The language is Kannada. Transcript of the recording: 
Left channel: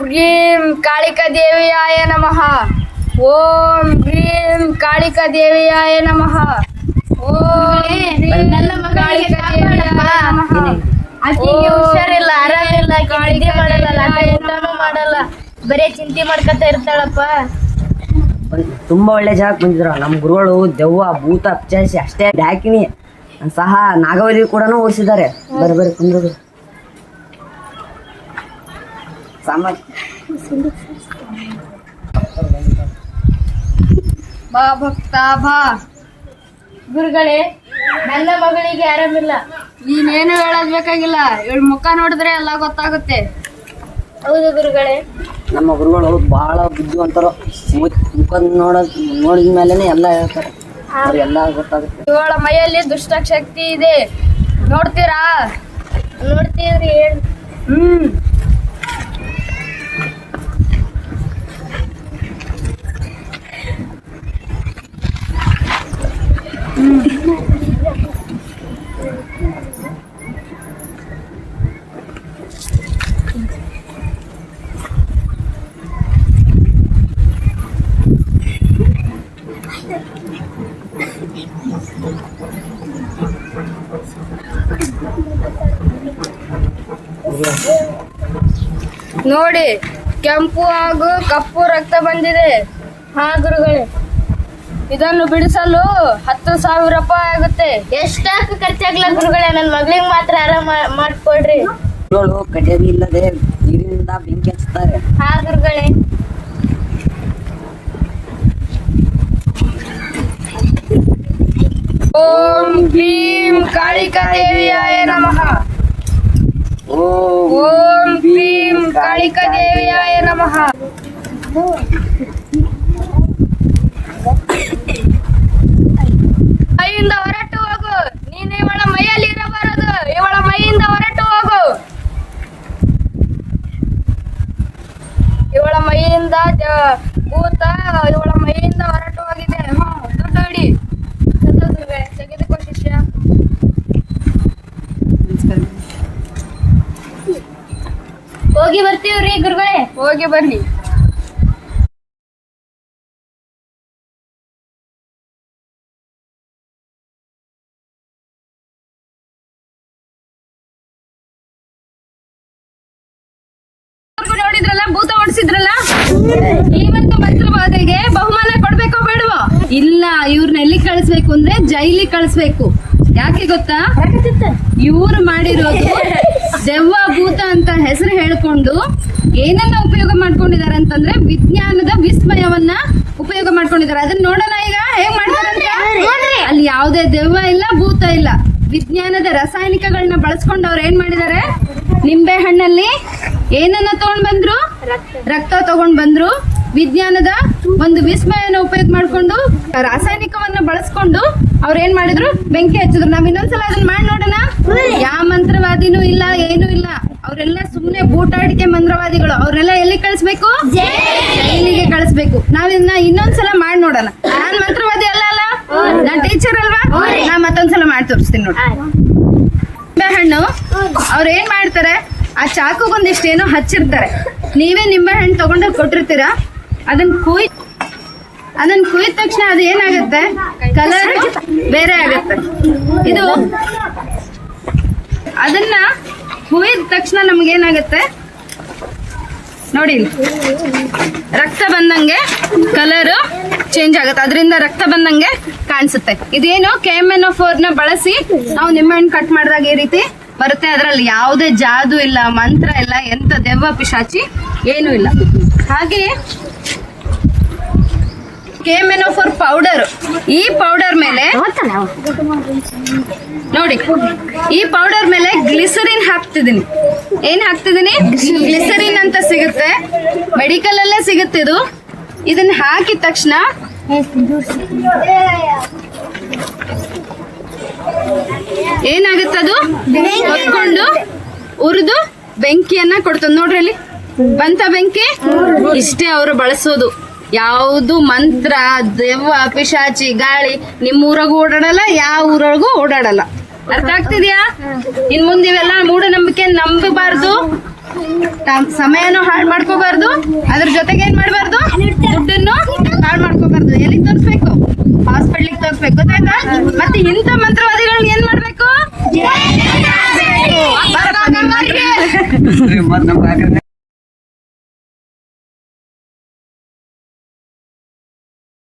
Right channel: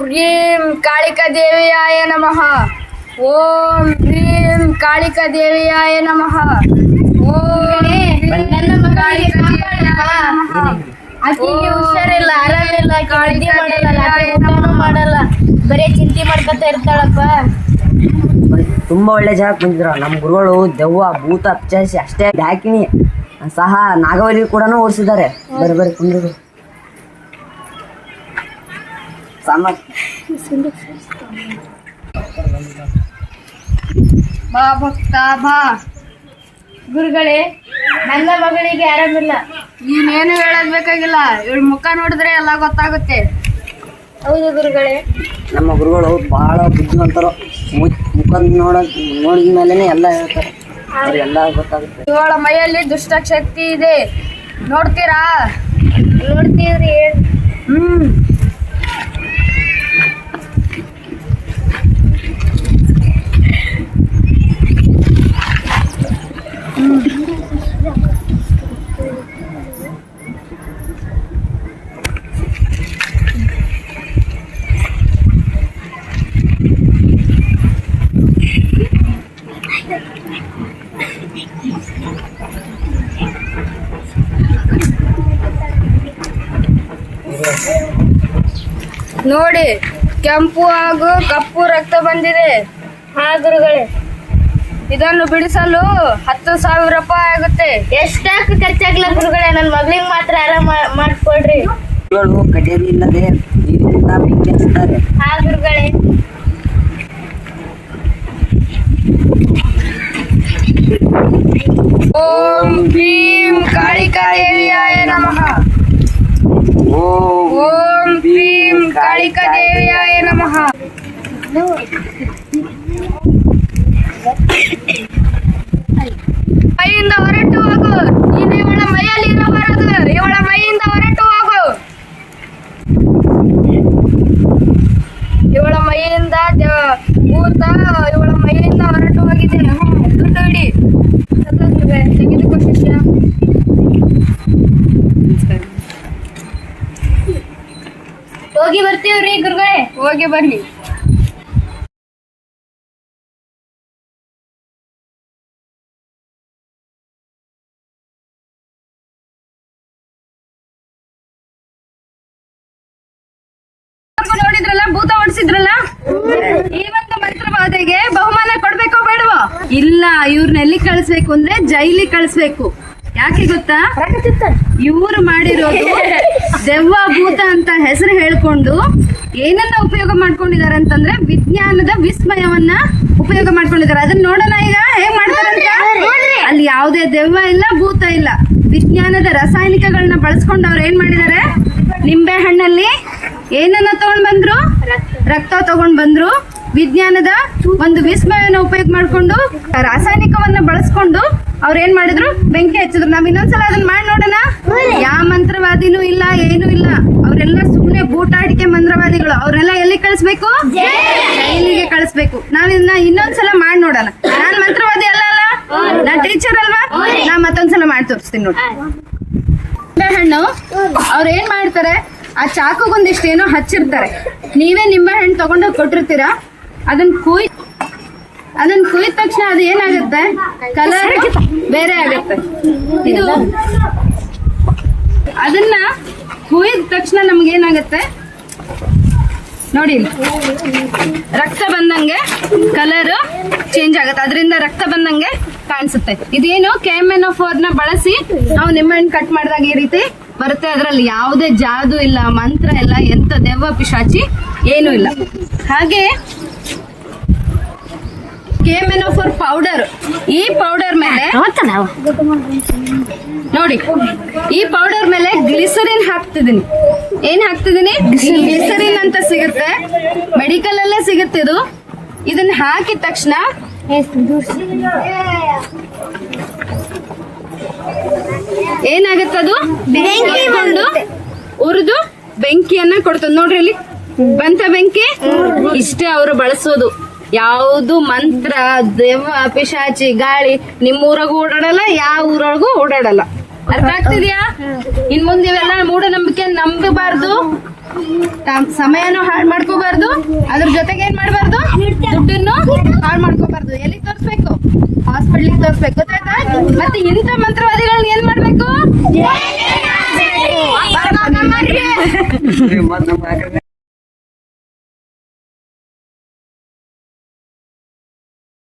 ಭ್ರೀಂ ಕಾಳಿಕಾ ದೇವಿಯಾಯ ನಮಃ. ಓಂ ಭ್ರೀಂ ಕಾಳಿಕಾ ದೇವಿಯಾಯ ನಮಃ. ಓಂ ಕಾಳಿಕಾ ಆಕಿಗೆ ಹುಷಾರಿಲ್ಲ, ಆರಾಮಿಲ್ಲ, ನಿದ್ದೆ ಮಾಡಲ್ಲ, ರಾತ್ರಿ ಊಟನೂ ಮಾಡಲ್ಲ, ಬರೇ ಚಿಂತೆ ಮಾಡ್ಕೊತಾ ಇರ್ತಾಳಪ್ಪ. ತುಂಬಾ ಒಳ್ಳೆ ಜಾಗಕ್ಕೆ ಬಂದಿದ್ರು. ನಮ್ಮ ಗುರುಗಳು ದೆವ್ವ ಭೂತ ಪಿಶಾಚಿ ಅಷ್ಟೇ ಹಾಕಿನಿ ಸಹ ನಾಗವಲ್ಲಿ ಕೂಡ ಓಡಿಸಿದ್ದಾರೆ. ಬರೀ ಬರೀ ಕುಂದ್ರು ಬಾ ಭಕ್ತ ಬಾ. ಗುರುಗಳೇ, ನನ್ನ ಮಗಳಿಗೆ ಆರಾಮಿಲ್ಲ. ನೀನೇನು ಹೇಳೋದ್ ಬೇಕಾಗಿಲ್ಲ, ಇವಳ ಮುಖ ನೋಡಿದ್ರೆ ಎಲ್ಲ ಗೊತ್ತಾಗುತ್ತೆ. ಹೌದು ಗುರುಗಳೇ. ನಮ್ಮ ಗುರುಗಳು ಬಹಳ ಬುದ್ಧಿವಂತರು. ಮುಖ ನೋಡಿದ ಮೇಲೆನೆ ಎಲ್ಲ ಹೇಳ್ತಾರೆ, ಅವ್ರಿಗೆಲ್ಲ ಗೊತ್ತಾಗುತ್ತೆ. ಇವಳ ಮೈಯಲ್ಲಿ ದುಷ್ಟ ಶಕ್ತಿ ಇದೆ, ನೋಡ್ತೀರಾ? ನೋಡ್ತೀವ್ರಿ. ಹ್ಮ್ ನೋಡಿ, ಕೆಂಪು ಹಾಗೂ ಕಪ್ಪು ರಕ್ತ ಬಂದಿದೆ. ಹಾ ಗುರುಗಳೇ. ಇದನ್ನು ಬಿಡಿಸಲು 10,000 ರೂಪಾಯಿ ಆಗುತ್ತೆ. ಎಷ್ಟಾಕ ಖರ್ಚಾಗ್ಲ ಗುರುಗಳೇ, ನನ್ನ ಮಗಳಿಗೆ ಮಾತ್ರ ಆರಾಮ ಮಾಡ್ಕೊಡ್ರಿ. ಗುರುಗಳು ಕಡಿಯದಿ ಇಲ್ಲದೆ ನೀರಿನಿಂದ ಬೆಂಕಿ ಹಚ್ಚುತ್ತಾರೆ. ಹಾ ಗುರುಗಳೇ. ಓಂ ಭೀಂ ಕಾಳಿಕಾ ದೇವಿಯಾಯ ನಮಃ. ಓಂ ಭೀಂ ಕಾಳಿಕಾ ದೇವಿಯಾಯ ನಮಃ. ಮೈಯಿಂದ ಹೊರಟು ಹೋಗು. ನೀನು ಇವಳ ಮೈಯಲ್ಲಿ ಇರಬಾರದು, ಇವಳ ಮೈಯಿಂದ ಹೊರಟು ಹೋಗು. ಇವಳ ಮೈಯಿಂದ ಭೂತ ಇವಳ ಮೈಯಿಂದ ಹೊರಟು ಹೋಗಿದೆ. ದುಡ್ಡು ಹಿಡಿ, ತೆಗೆದುಕೋ ಶಿಷ್ಯ. ಹೋಗಿ ಬರ್ತೀವ್ರಿ ಗುರುಗಳೇ. ಹೋಗಿ ಬನ್ನಿ. ನೋಡಿದ್ರಲ್ಲ, ಭೂತ ಓಡಿಸಿದ್ರಲ್ಲ, ಈ ಒಂದು ಮಂತ್ರವಾದಿಗೆ ಬಹುಮಾನ ಕೊಡ್ಬೇಕೋ ಬೇಡವೋ? ಇಲ್ಲ, ಇವ್ರನ್ನ ಎಲ್ಲಿ ಕಳಿಸ್ಬೇಕು ಅಂದ್ರೆ ಜೈಲಿಗೆ ಕಳಿಸ್ಬೇಕು. ಯಾಕೆ ಗೊತ್ತಾ? ಇವ್ರು ಮಾಡಿರೋದು ದೆವ್ವ ಭೂತ ಅಂತ ಹೆಸರು ಹೇಳ್ಕೊಂಡು ಏನನ್ನ ಉಪಯೋಗ ಮಾಡ್ಕೊಂಡಿದ್ದಾರೆ ಅಂತಂದ್ರೆ ವಿಜ್ಞಾನದ ವಿಸ್ಮಯವನ್ನ ಉಪಯೋಗ ಮಾಡ್ಕೊಂಡಿದ್ದಾರೆ. ಅದನ್ನ ನೋಡೋಣ ಈಗ ಹೇಗ್ ಮಾಡ್ತಾರಂತ. ಅಲ್ಲಿ ಯಾವುದೇ ದೆವ್ವ ಇಲ್ಲ, ಭೂತ ಇಲ್ಲ, ವಿಜ್ಞಾನದ ರಾಸಾಯನಿಕಗಳನ್ನ ಬಳಸ್ಕೊಂಡು ಅವ್ರು ಏನ್ ಮಾಡಿದ್ದಾರೆ, ನಿಂಬೆ ಹಣ್ಣಲ್ಲಿ ಏನನ್ನ ತಗೊಂಡ್ ಬಂದ್ರು, ರಕ್ತ ತಗೊಂಡ್ ಬಂದ್ರು. ವಿಜ್ಞಾನದ ಒಂದು ವಿಸ್ಮಯನ ಉಪಯೋಗ ಮಾಡ್ಕೊಂಡು ರಾಸಾಯನಿಕವನ್ನ ಬಳಸ್ಕೊಂಡು ಅವ್ರ ಏನ್ ಮಾಡಿದ್ರು, ಬೆಂಕಿ ಹಚ್ಚಿದ್ರು. ನಾವ್ ಇನ್ನೊಂದ್ಸಲ ಅದನ್ನ ಮಾಡಿ ನೋಡೋಣ. ಯಾವ ಮಂತ್ರವಾದಿನೂ ಇಲ್ಲ, ಏನೂ ಇಲ್ಲ. ಅವರೆಲ್ಲ ಸುಮ್ಮನೆ ಬೂಟಾಟಿಕೆ ಮಂತ್ರವಾದಿಗಳು. ಅವ್ರೆಲ್ಲ ಎಲ್ಲಿ ಕಳಿಸ್ಬೇಕು? ಜೈಲಿಗೆ ಕಳಿಸ್ಬೇಕು. ನಾವಿನ್ನ ಇನ್ನೊಂದ್ಸಲ ಮಾಡಿ ನೋಡೋಣ. ನಾನ್ ಮಂತ್ರವಾದಿ ಅಲ್ಲ, ನಾನ್ ಟೀಚರ್ ಅಲ್ವಾ? ನಾ ಮತ್ತೊಂದ್ಸಲ ಮಾಡಿ ತೋರಿಸ್ತೀನಿ ನೋಡಿ. ನಿಂಬೆ ಹಣ್ಣು ಅವ್ರ ಏನ್ ಮಾಡ್ತಾರೆ, ಆ ಚಾಕುಗೊಂದಿಷ್ಟು ಏನೋ ಹಚ್ಚಿರ್ತಾರೆ. ನೀವೇ ನಿಂಬೆ ಹಣ್ಣು ತಗೊಂಡೋಗಿ ಕೊಟ್ಟಿರ್ತೀರಾ. ಅದನ್ನ ಕುಯ್ದ ತಕ್ಷಣ ಅದು ಏನಾಗುತ್ತೆ, ಕಲರ್ ಬೇರೆ ಆಗುತ್ತೆ. ಇದು ಅದನ್ನ ಕುಯ್ದ ತಕ್ಷಣ ನಮ್ಗೇನಾಗತ್ತೆ ನೋಡಿ, ರಕ್ತ ಬಂದಂಗೆ ಕಲರ್ ಚೇಂಜ್ ಆಗುತ್ತೆ. ಅದರಿಂದ ರಕ್ತ ಬಂದಂಗೆ ಕಾಣಿಸುತ್ತೆ. ಇದೇನು KMNO4 ನ ಬಳಸಿ ನಾವು ನಿಂಬೆಹಣ್ಣು ಕಟ್ ಮಾಡಿದಾಗ ಈ ರೀತಿ ಬರುತ್ತೆ. ಅದರಲ್ಲಿ ಯಾವುದೇ ಜಾದು ಇಲ್ಲ, ಮಂತ್ರ ಇಲ್ಲ, ಎಂತ ದೆವ್ವ ಪಿಶಾಚಿ ಏನು ಇಲ್ಲ. ಹಾಗೆ KMNO4 ಪೌಡರ್, ಈ ಪೌಡರ್ ಮೇಲೆ ನೋಡಿ, ಈ ಪೌಡರ್ ಮೇಲೆ ಗ್ಲಿಸರಿನ್ ಹಾಕ್ತಿದ್ದೀನಿ. ಏನ್ ಹಾಕ್ತಿದ್ದೀನಿ? ಗ್ಲಿಸರಿನ್ ಅಂತ ಸಿಗುತ್ತೆ, ಮೆಡಿಕಲ್ ಅಲ್ಲೇ ಸಿಗುತ್ತೆ ಇದು. ಇದನ್ನ ಹಾಕಿದ ತಕ್ಷಣ ಏನಾಗುತ್ತೆ, ಅದು ಕಟ್ಕೊಂಡು ಉರಿದು ಬೆಂಕಿಯನ್ನ ಕೊಡ್ತದೆ. ನೋಡ್ರಿ ಇಲ್ಲಿ ಬಂತ ಬೆಂಕಿ. ಇಷ್ಟೇ ಅವರು ಬಳಸೋದು. ಯಾವುದು ಮಂತ್ರ, ದೆವ್ವ, ಪಿಶಾಚಿ, ಗಾಳಿ ನಿಮ್ಮ ಊರಾಗೂ ಓಡಾಡಲ್ಲ, ಯಾವ ಊರೊಳಗೂ ಓಡಾಡಲ್ಲ. ಅರ್ಥ ಆಗ್ತಿದ್ಯಾ? ಇನ್ ಮುಂದೆ ಇವೆಲ್ಲ ಮೂಢನಂಬಿಕೆ ನಂಬಬಾರ್ದು. ಸಮಯನೂ ಹಾಳು ಮಾಡ್ಕೋಬಾರ್ದು, ಅದ್ರ ಜೊತೆಗೆ ಏನ್ ಮಾಡ್ಬಾರ್ದು, ದುಡ್ಡನ್ನು ಹಾಳು ಮಾಡ್ಕೋಬಾರ್ದು. ಎಲ್ಲಿಗೆ ತೋರಿಸ್ಬೇಕು? ಹಾಸ್ಪಿಟ್ಲಿಗೆ ತೋರಿಸ್ಬೇಕು, ಗೊತ್ತಾಯ್ತಾ? ಮತ್ತೆ ಇಂಥ ಮಂತ್ರವಾದಿಗಳನ್ನ ಏನ್ ಮಾಡ್ಬೇಕು? ಬಾರಪ್ಪ ನಿನ್ ಮನೆಗೆ. ಮತ್ತ್ ನಮ್ ಕಾಕರ್ನ